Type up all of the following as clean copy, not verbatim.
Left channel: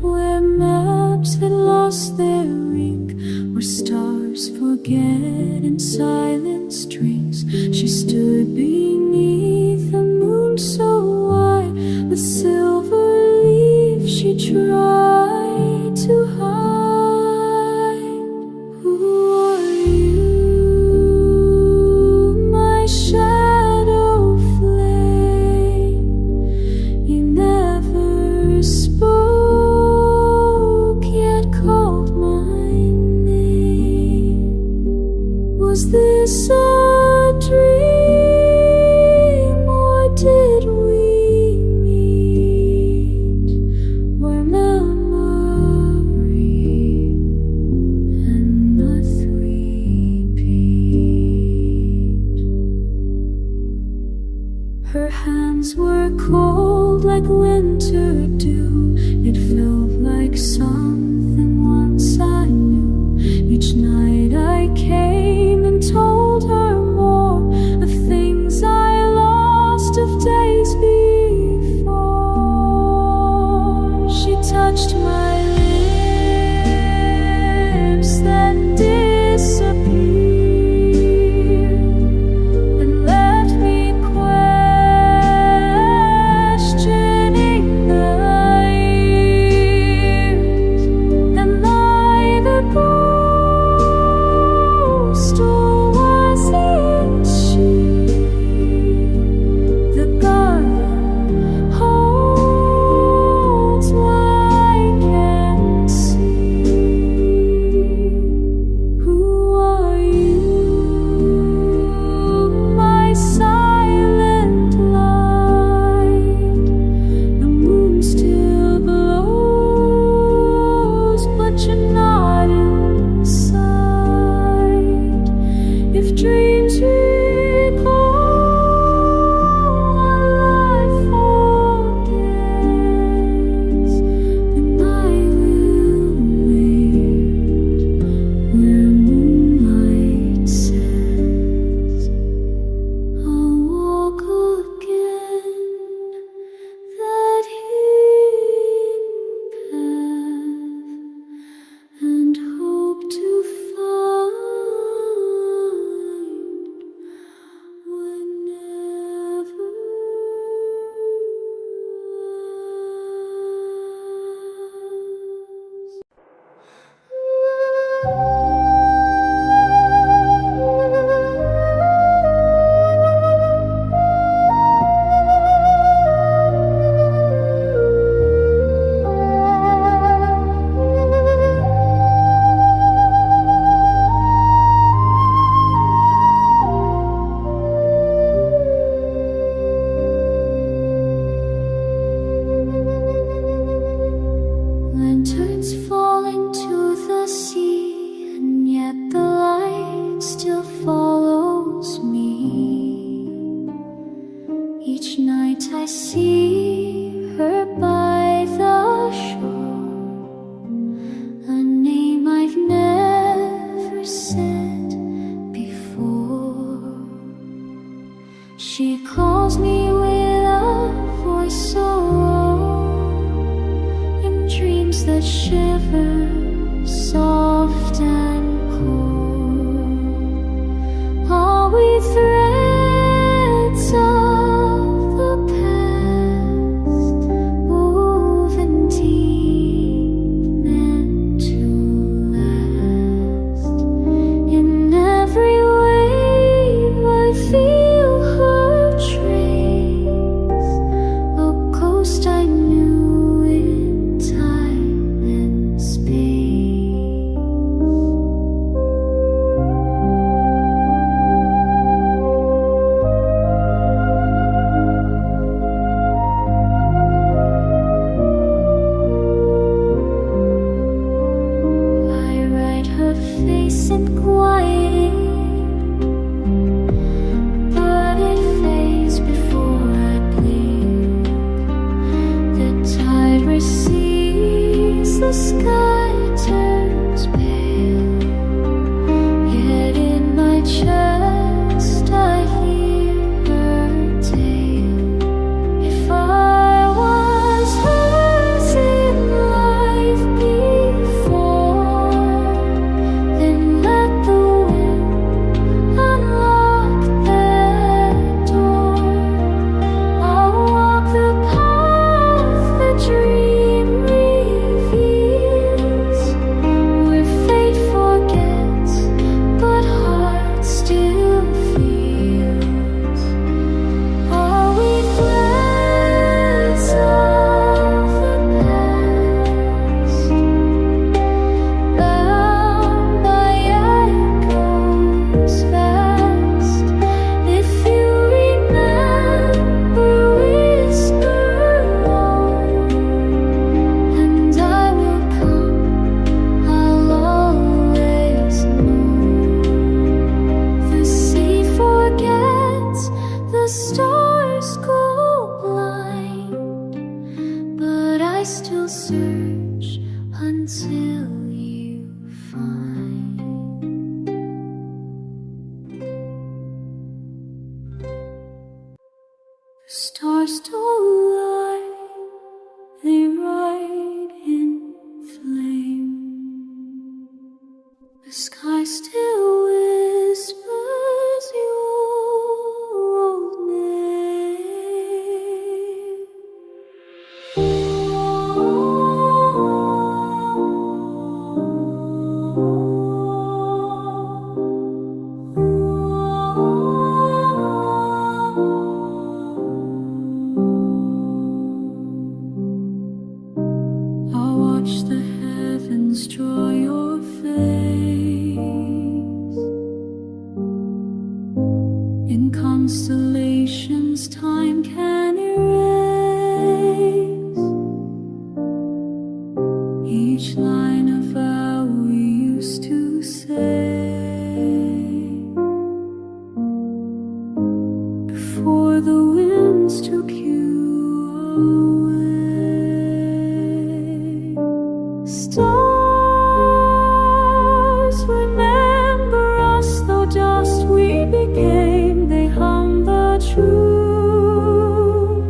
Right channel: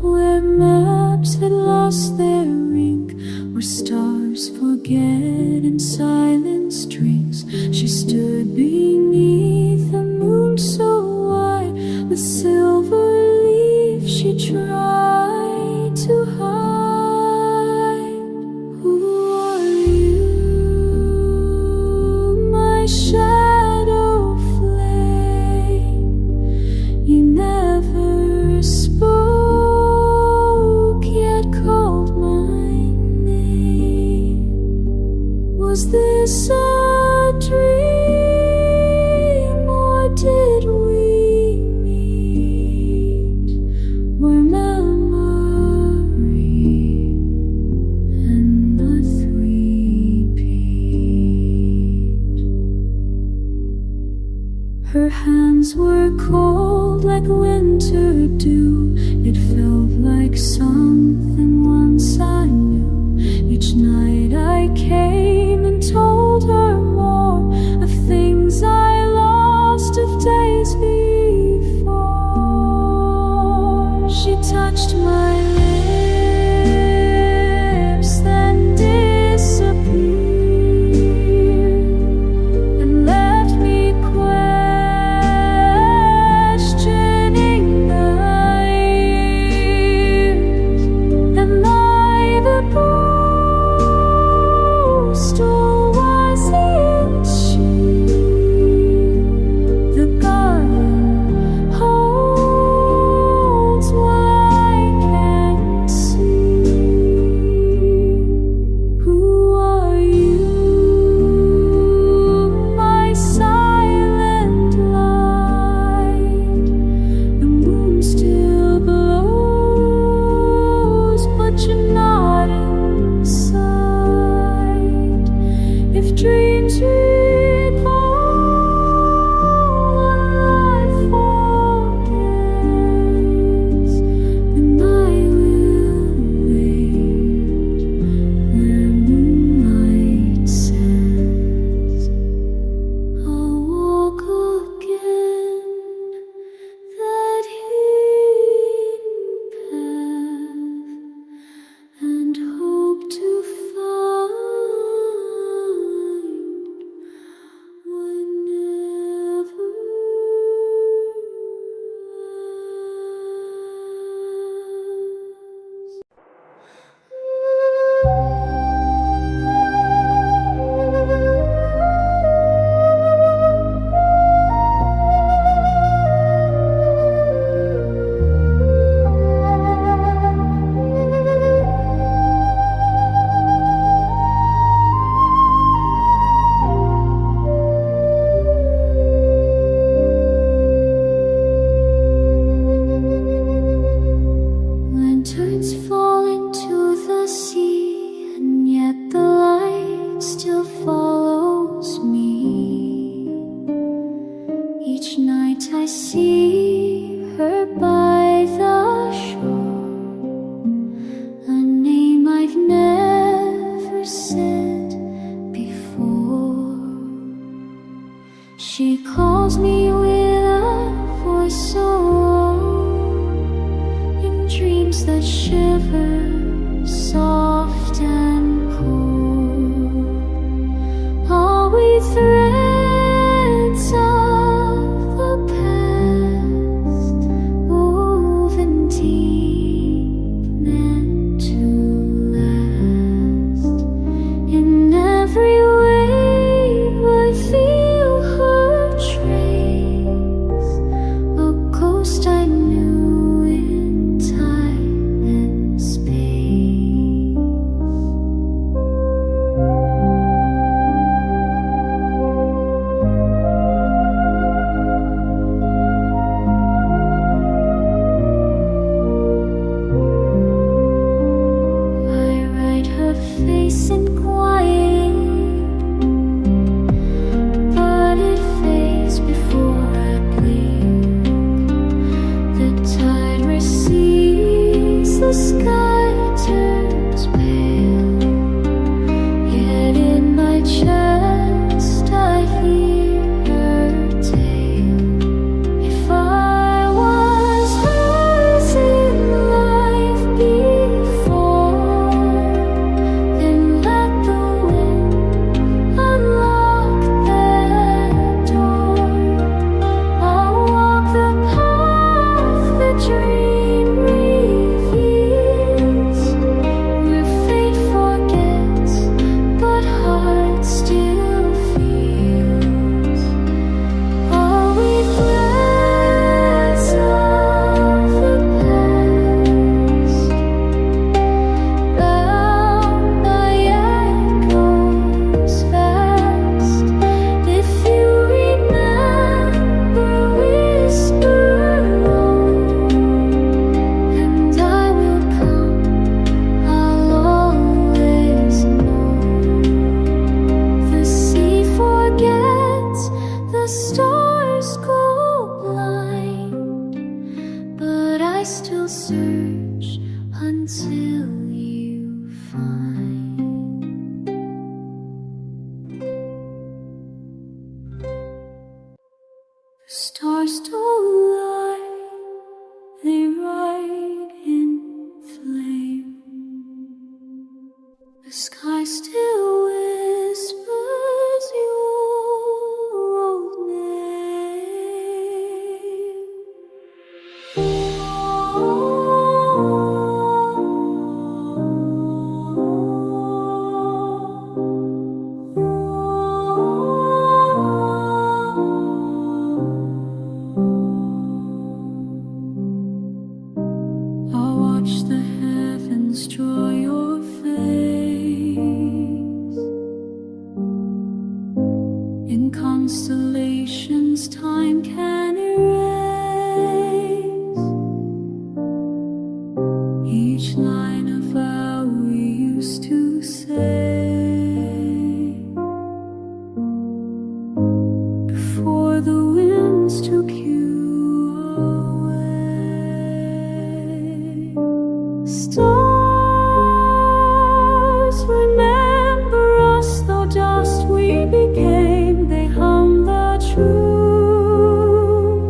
where maps had lost their ink, where stars forget and silence drinks. She stood beneath a moon so wide, with silver leaf she tried to hide. Who are you, my shadow flame? You never spoke, yet called my name. Was this a dream, or did we meet where memory and the three-peat? Her hands were cold like winter dew. It felt like something once I knew. Each night I came and told her more of things I lost, of days before. She touched my lips, then disappeared, and left me questioning the years. Am I the ghost, or was it she? The garden holds what I can see. Who are you, my silent light? The moon still blows, but you're not in sight. If dreams recall what life forgets, then I will wait where moonlight sets. I'll walk again that hidden path, and hope to find whenever lanterns fall into the sea, and yet the light still follows me. Each night I see her by the shore, a name I've never said before. She calls me with a voice so low, in dreams that shiver, soft and cold. Are we threads of the past, woven deep, meant to last? In every wave I feel her trace, a ghost I knew in time and space. I write her face in quiet, but it fades before I blink. The tide recedes, the sky turns pale, yet in my chest I hear her tale. If I was hers in life, I still search until you find. The stars don't lie, they ride in flame. The sky still whispers your old name. I'll watch the heavens draw your face in constellations time can erase each line of vow we used to say before the winds took you away. Stars, remember us, though dust we became. They hum the truth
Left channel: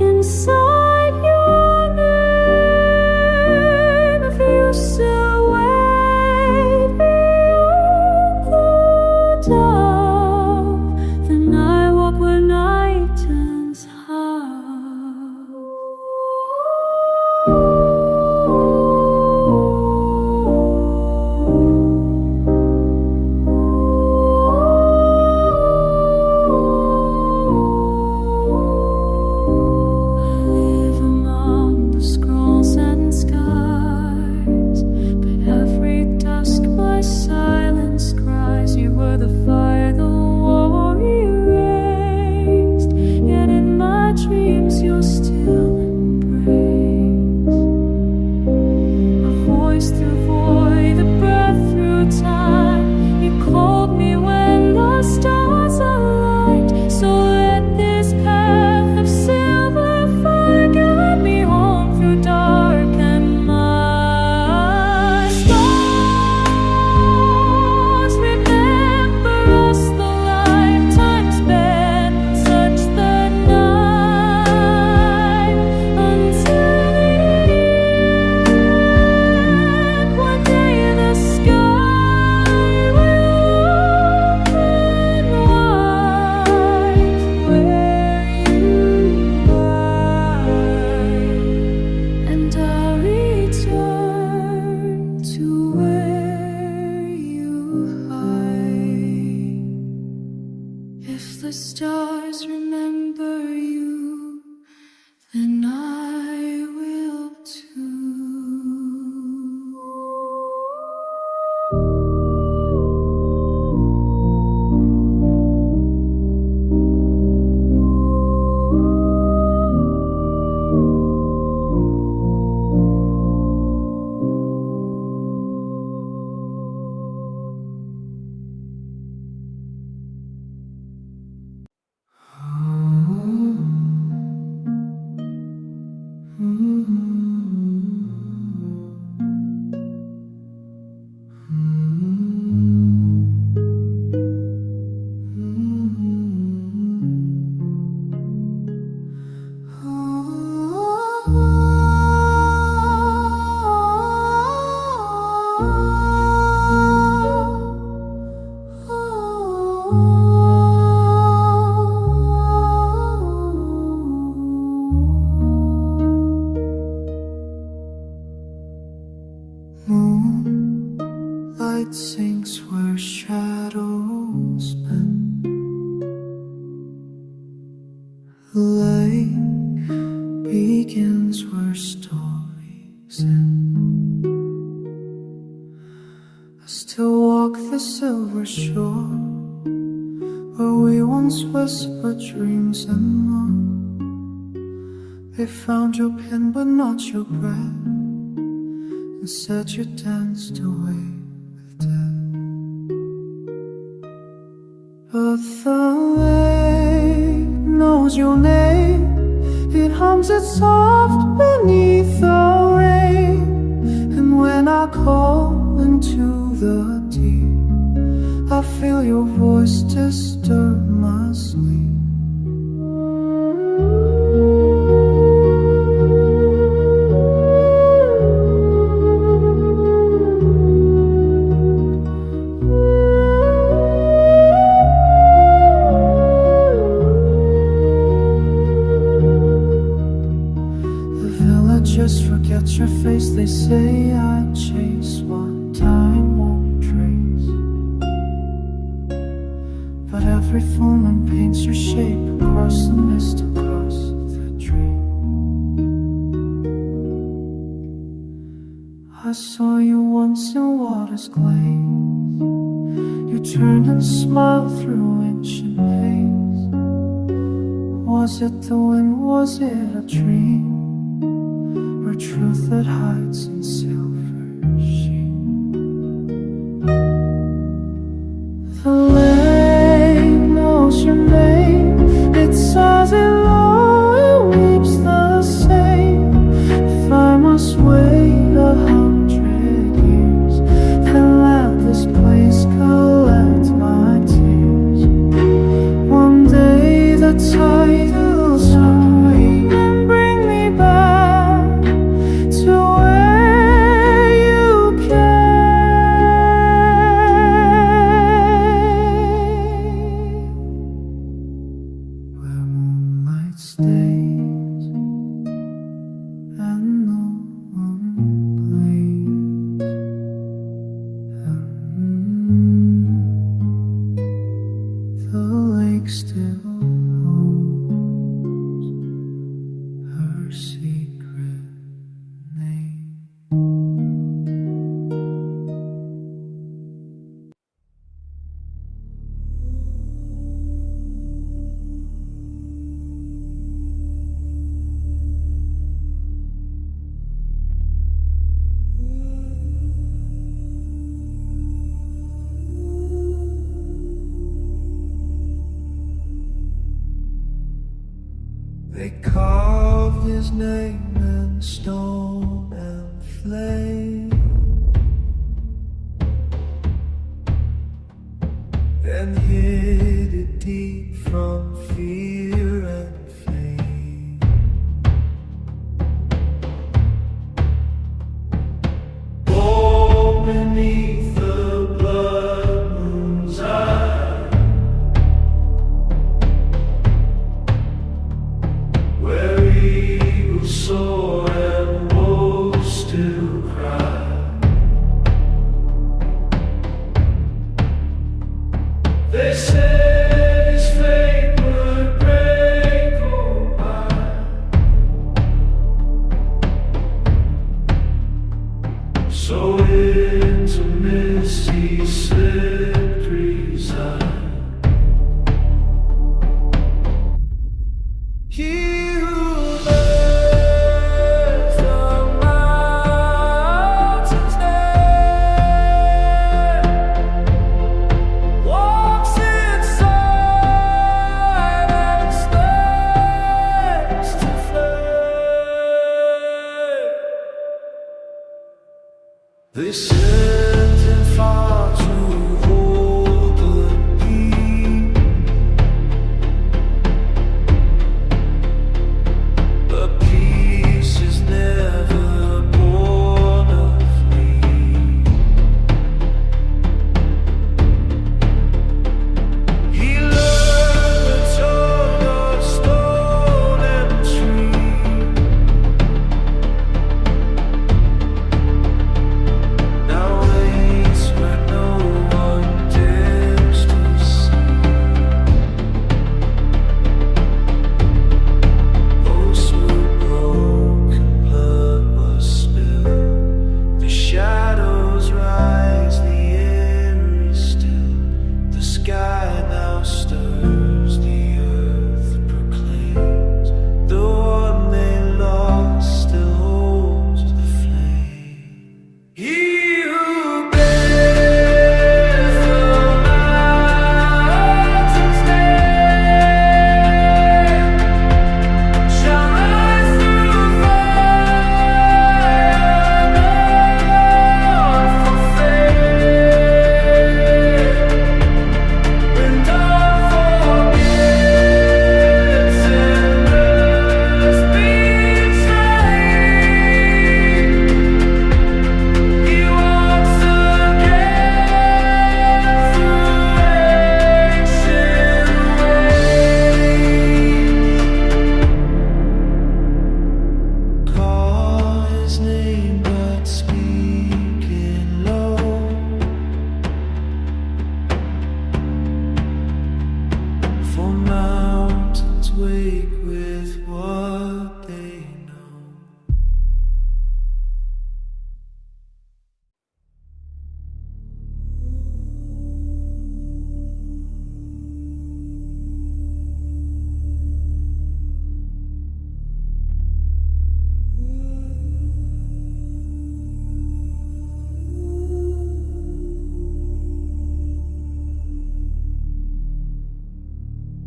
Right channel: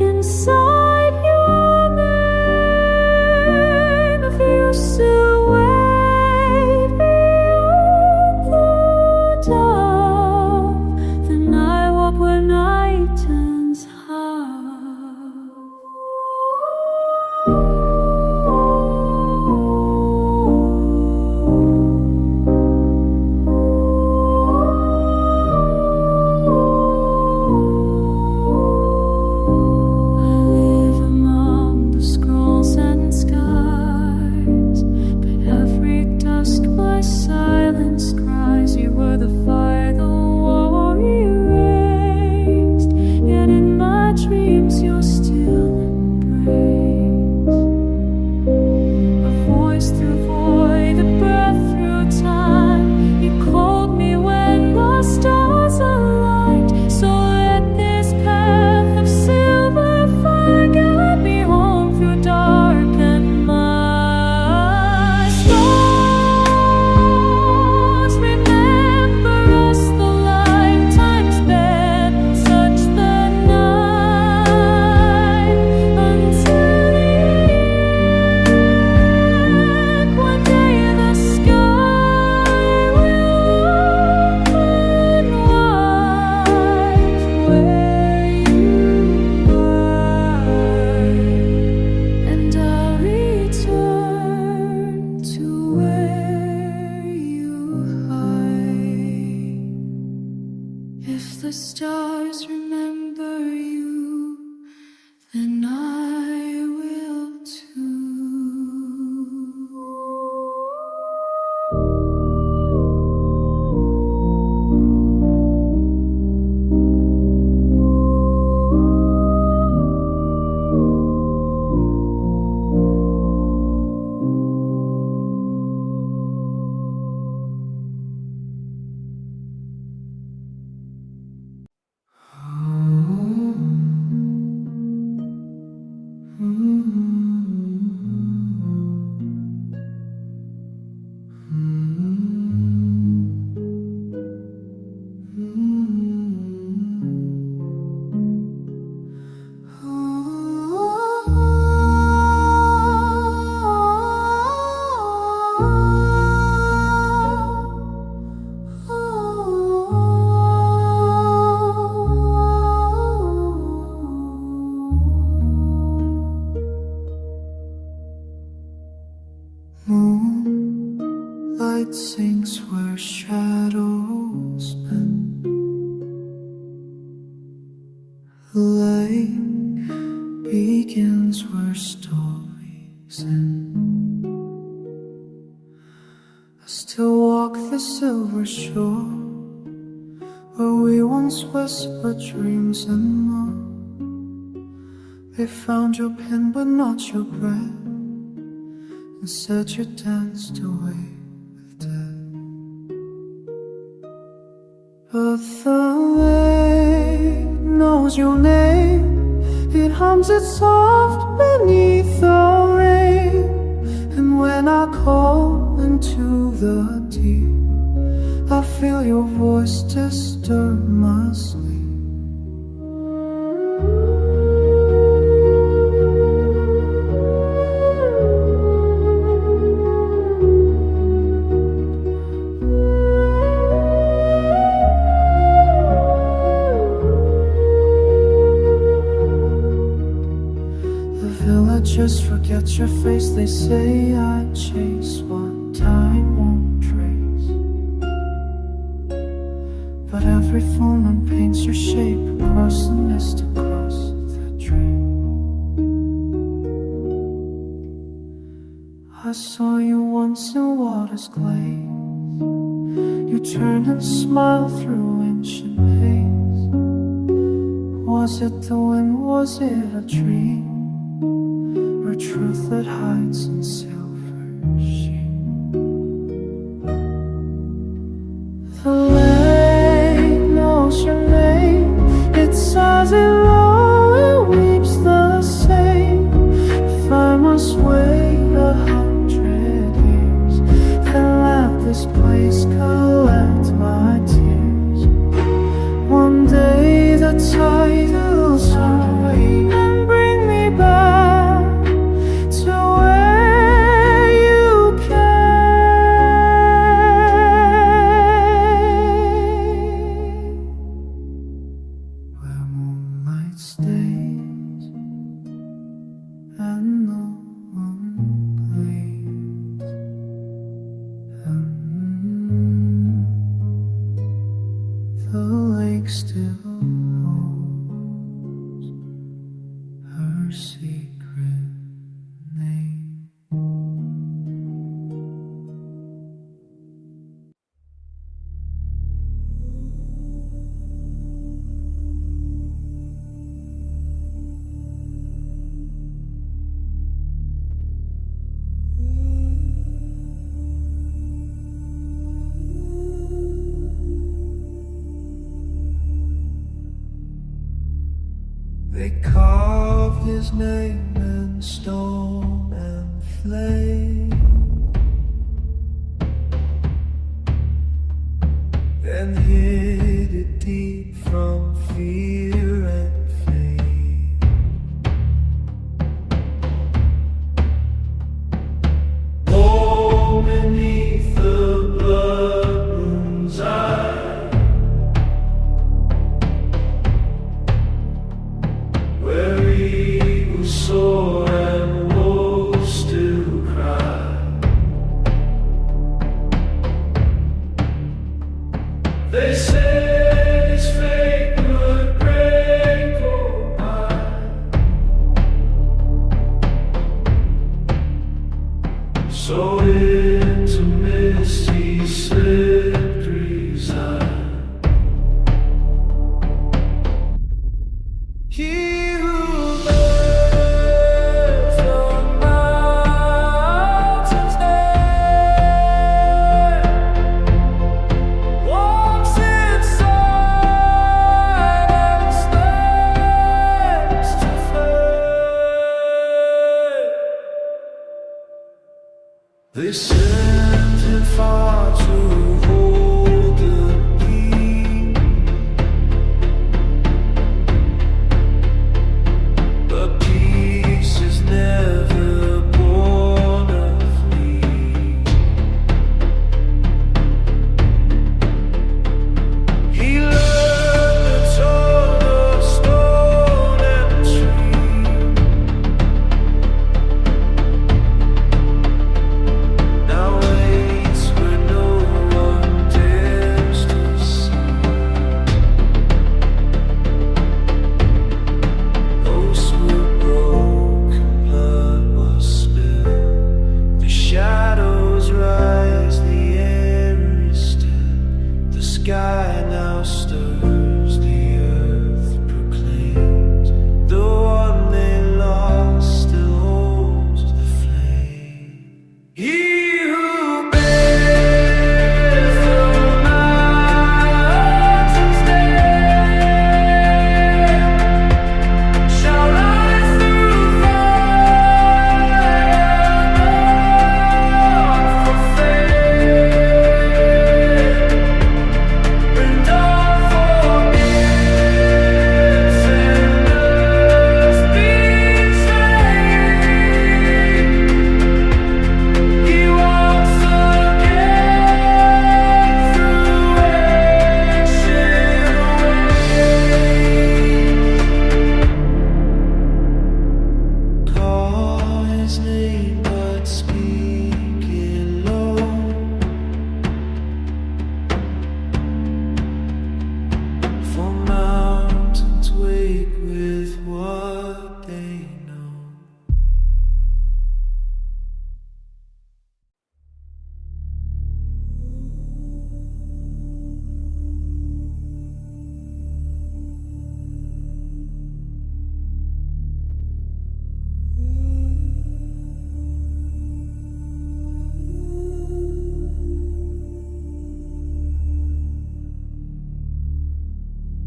inside your name. If you still wait beyond the dove, then I walk where night turns half. And scars, but every dusk my silence cries. You were the fire the war erased, yet in my dreams you're still embraced. A voice through void, a breath through time. You called me when the stars aligned. So let this path of silver fire guide me home through dark and my stars. Remember us, the lifetime spent in such the night until the end. One day the sky will open wide where you lie, and I'll return to where you hide. If the stars remember you, then I will too. Moonlight sinks where shadows bend. Lake begins where stories end. I still walk the silver shore where we once whispered dreams and more. They found your pen but not your breath, and said you danced away with death. But the lake knows your name. It hums it soft beneath the rain. And when I call into the deep, I feel your voice disturb my sleep. The villagers forget your face. They say I chase what time won't trace. But every full moon paints your shape across the mist, across the drain. I saw you once in water's glaze. You turned and smiled through ancient haze. Was it the wind, was it a dream, or truth that hides in silver sheen? The lake knows your name. It sighs it low, it weeps the same. If I must wait 100 years, then let this place collect my tears. One day the tides rain and bring me back to where you came, where moonlight stays and no one plays, and the lake still holds her secret name. They carved his name in stone and flame, and hid it deep from fear and flame. Born beneath the blood moon's eye, where eagles soar and wolves still cry. They said his fate would break or die, so into mist he slipped reside. He who bears the mountain's name walks in silence, face to flame. They sent him far to hold the key, but peace is never born of need. He learned the tongue of stone and tree. Now waits where no one dares to see. Oaths were broken, blood was spilled. The shadows rise, the air is still. The sky now stirs, the earth proclaims the one they lost still holds the flame. He who bears the mountain's name shall rise. his name but speaking low. For mountains wake with what they know.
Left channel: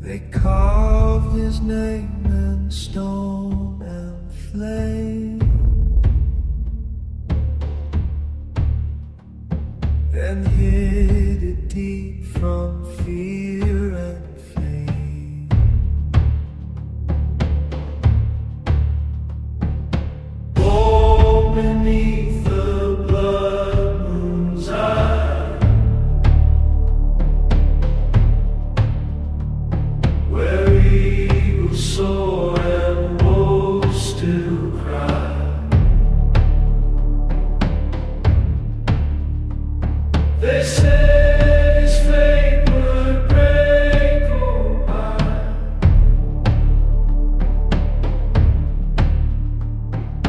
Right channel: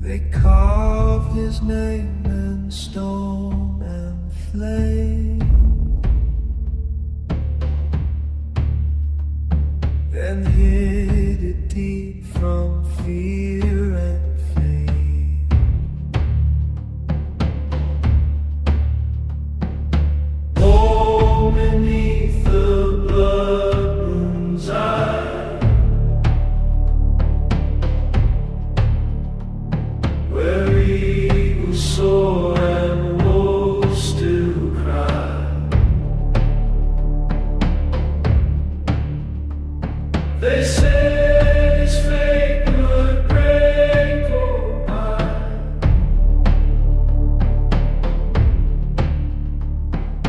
They carved his name in stone and flame, and hid it deep from fear and flame. Born beneath the blood moon's eye, where eagles soar and wolves still cry. They said his fate would break or hide,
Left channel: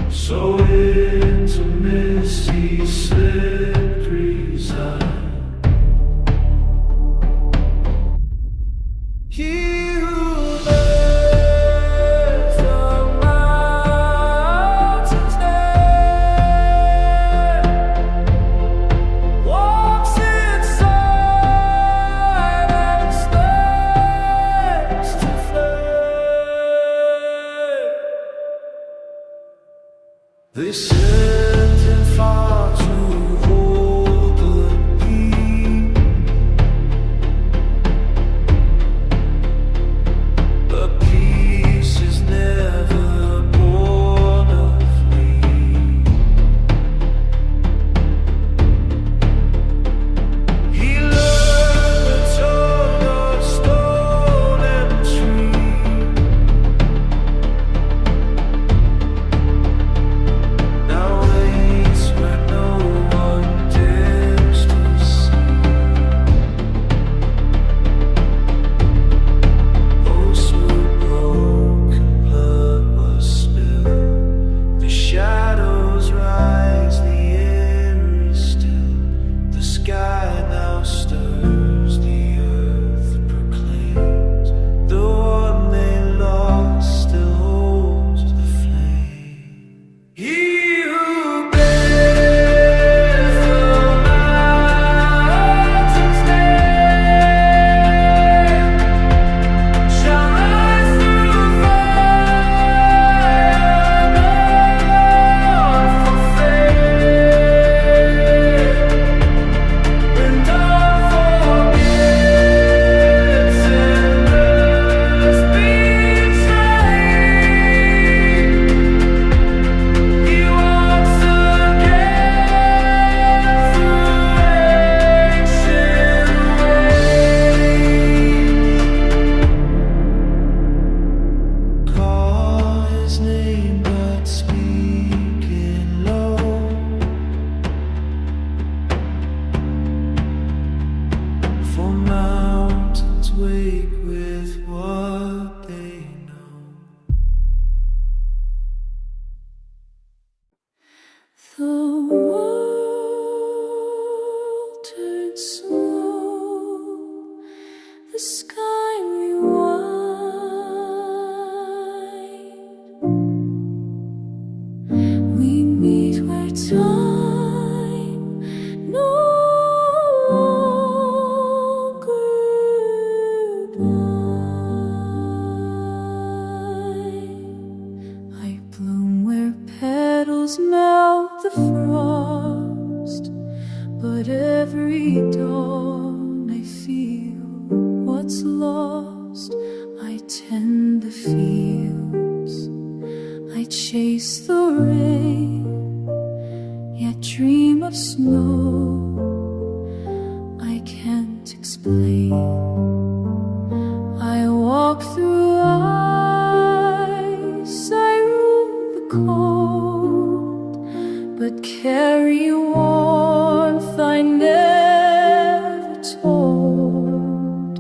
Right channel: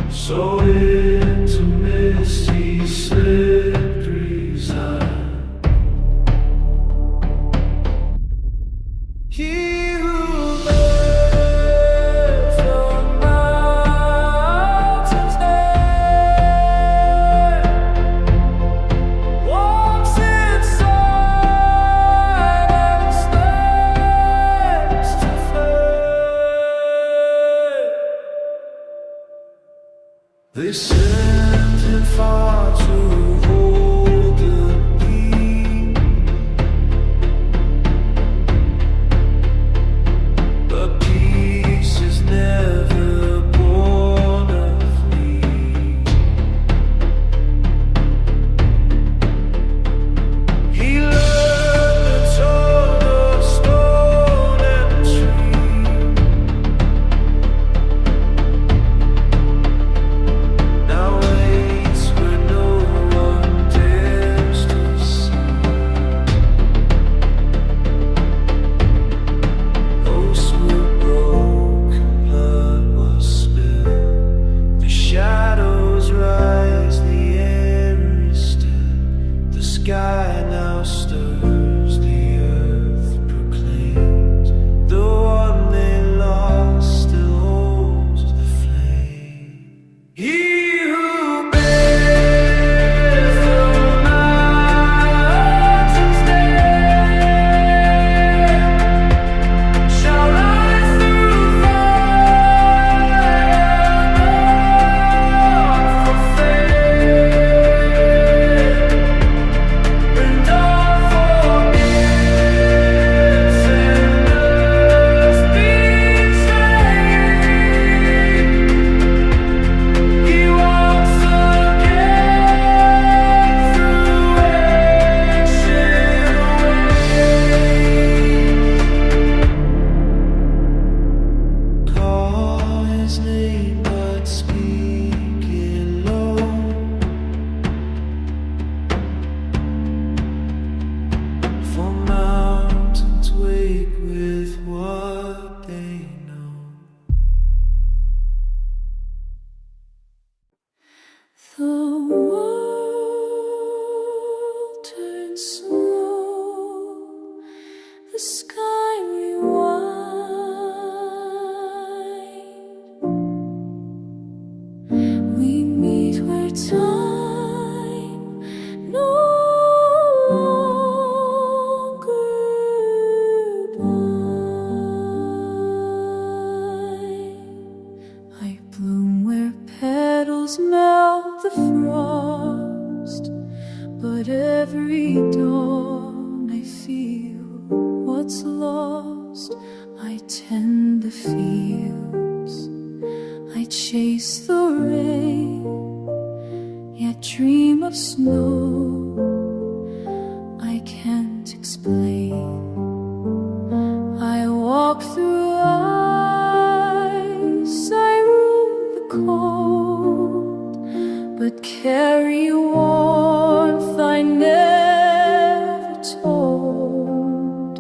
so into mist he slipped reside. He who bears the mountain's name walks inside and stands to flame. They sent him far to hold the key, but peace is never born of me. He learned the tongue of stone and tree, now waits where no one dares to see. Oaths were broken, blood was spilled. The shadows rise, the air is still. The sky now stirs, the earth proclaims the one they lost still holds the flame. He who bears the mountain's name shall rise through fire, not for fame. When dawn forgets and earth betrays, he walks again through ancient ways. Call his name but speaking low, for mountains wake with what they know. The world turns slow, the sky rewinds. We meet where time no longer binds. I bloom where petals melt the frost, but every dawn I feel what's lost. I tend the fields, I chase the rain, yet dream of snow I can't explain. I walk through ice, I roam the cold, but carry warmth I never told.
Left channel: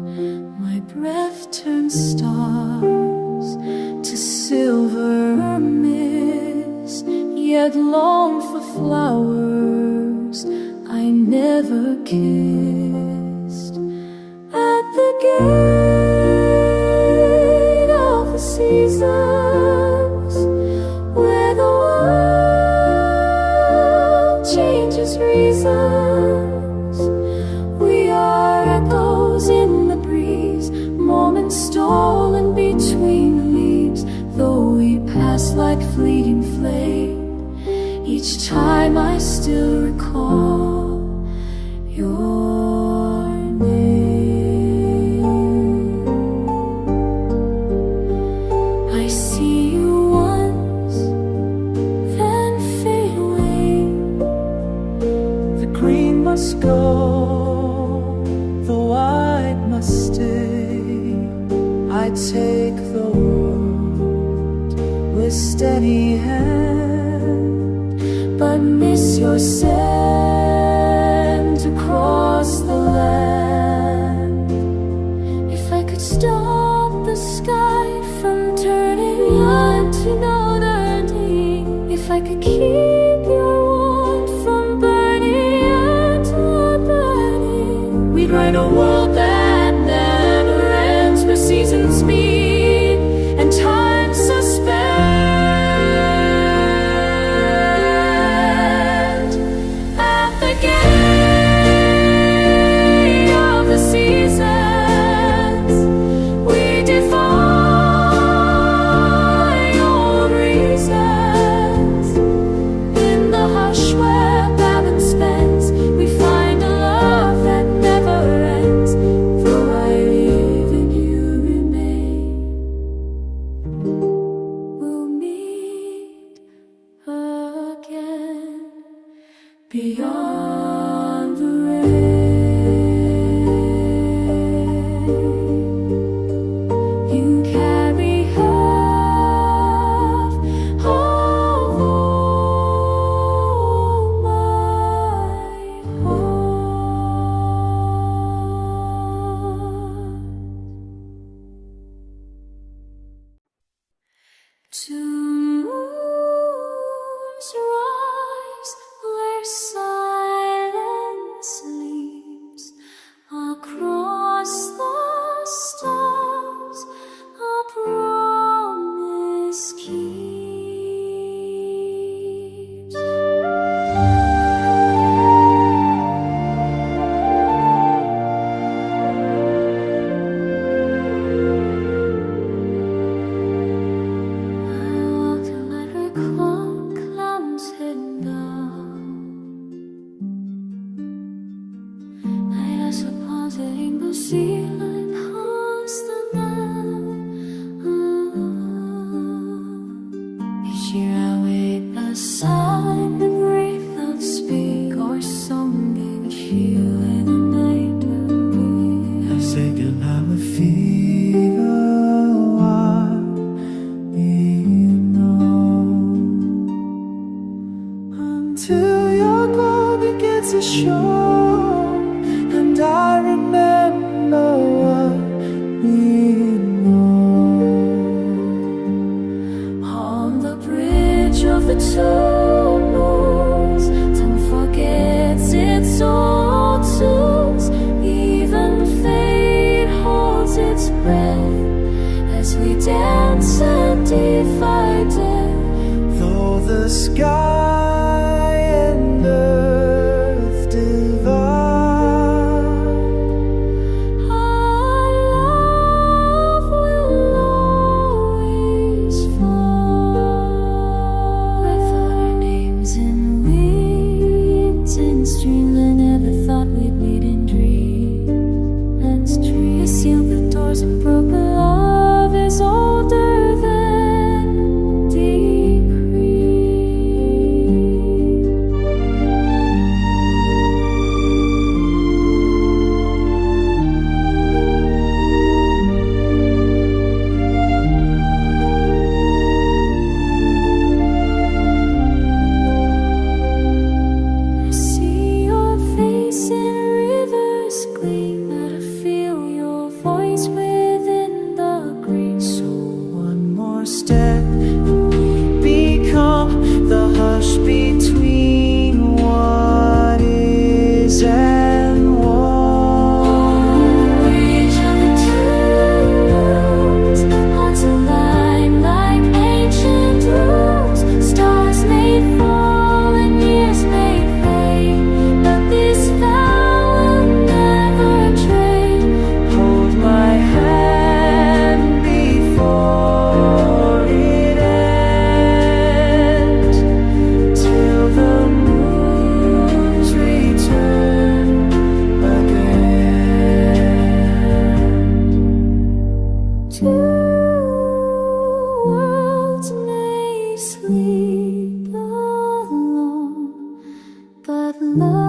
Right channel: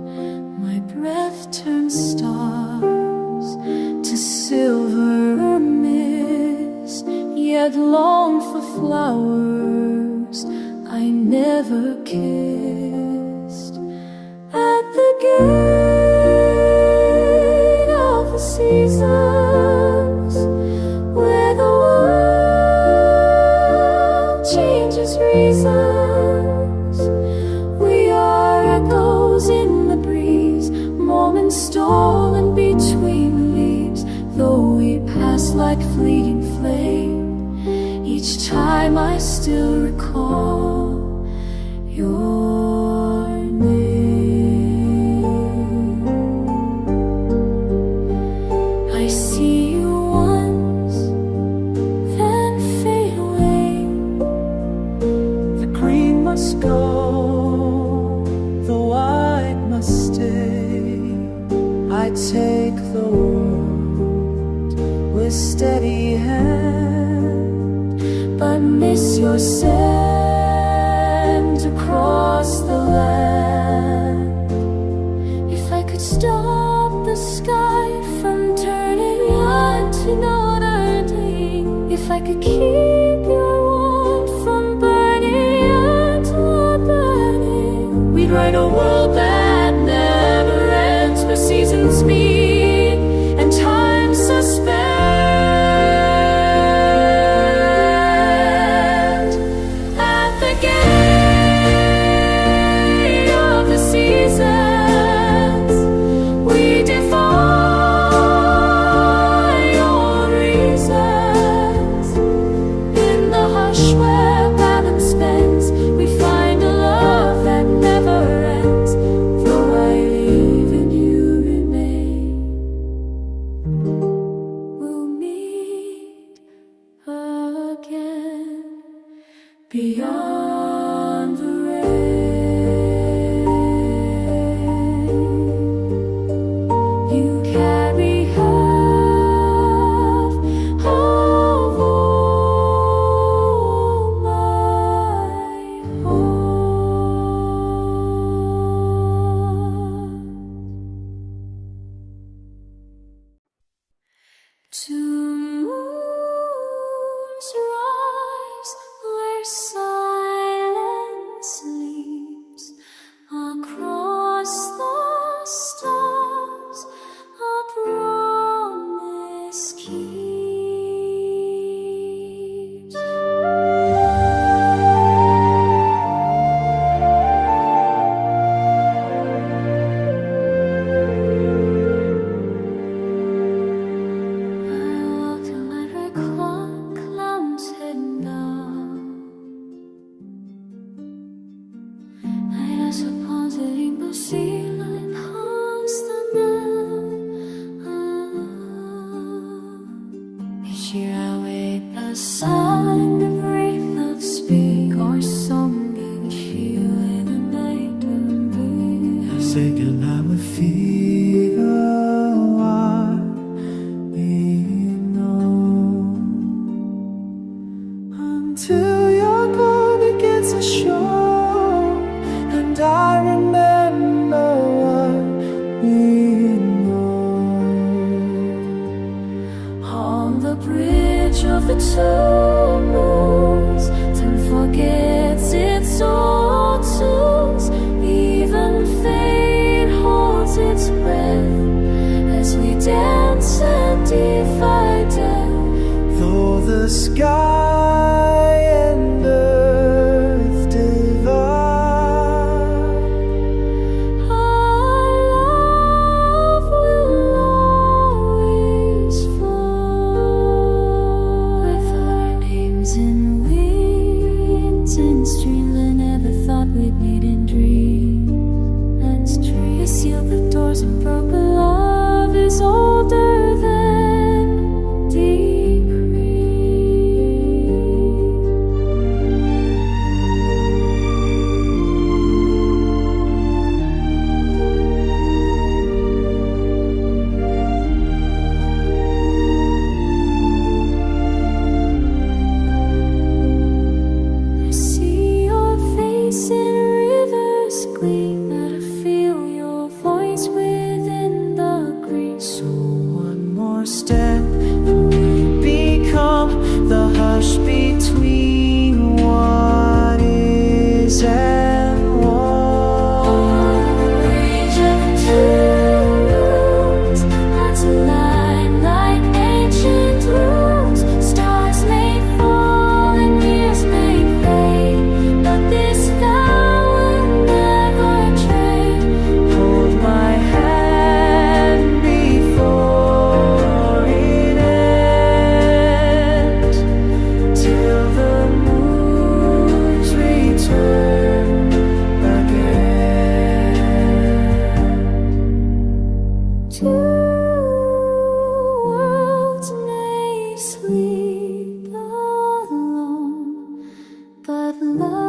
My breath turns stars to silver mist, yet long for flowers I never kissed. At the gate of the seasons, where the world changes reasons, we are echoes in the breeze, moments stolen between the leaves. Though we pass like fleeting flame, each time I still recall your name. I see you once, then fade away. The green must go, the white must stay. I take the world with steady hand, but miss your sand across the land. If I could stop the sky from turning on to not ending, if I could keep your warmth from burning and not burning, we'd write a world that never ends, where seasons meet and time suspend. At the gate of the seasons, we defy old reasons. In the hush where balance bends, we find a love that never ends. Though I leave and you remain, we'll meet again beyond the rain. You carry half of all my heart. Two moons rise where silence sleeps. Across the stars a promise keeps. I walk till every cloud's hidden down. I guess upon the rainbow sea light haunts the night. Each year I wait beside the breath of speak or song and she when the night and breathe. I say goodnight with fever while we know, until your glow begins to show, and I remember what we know. On the bridge of the two moons, time forgets its old tunes. Even fate holds its breath as we dance and defy death. Though the sky and earth divide, our love will always fall. With our names in winds and streams, I never thought we'd meet in dreams. That's true. I sealed the doors and broke. Love is older than decree. rush between what is and what. Region two moons, hearts align like ancient runes. Stars may fall and years may fade, but this vow will never trade. Hold my hand before it ends, till the moons return again. Two worlds may sleep alone, but love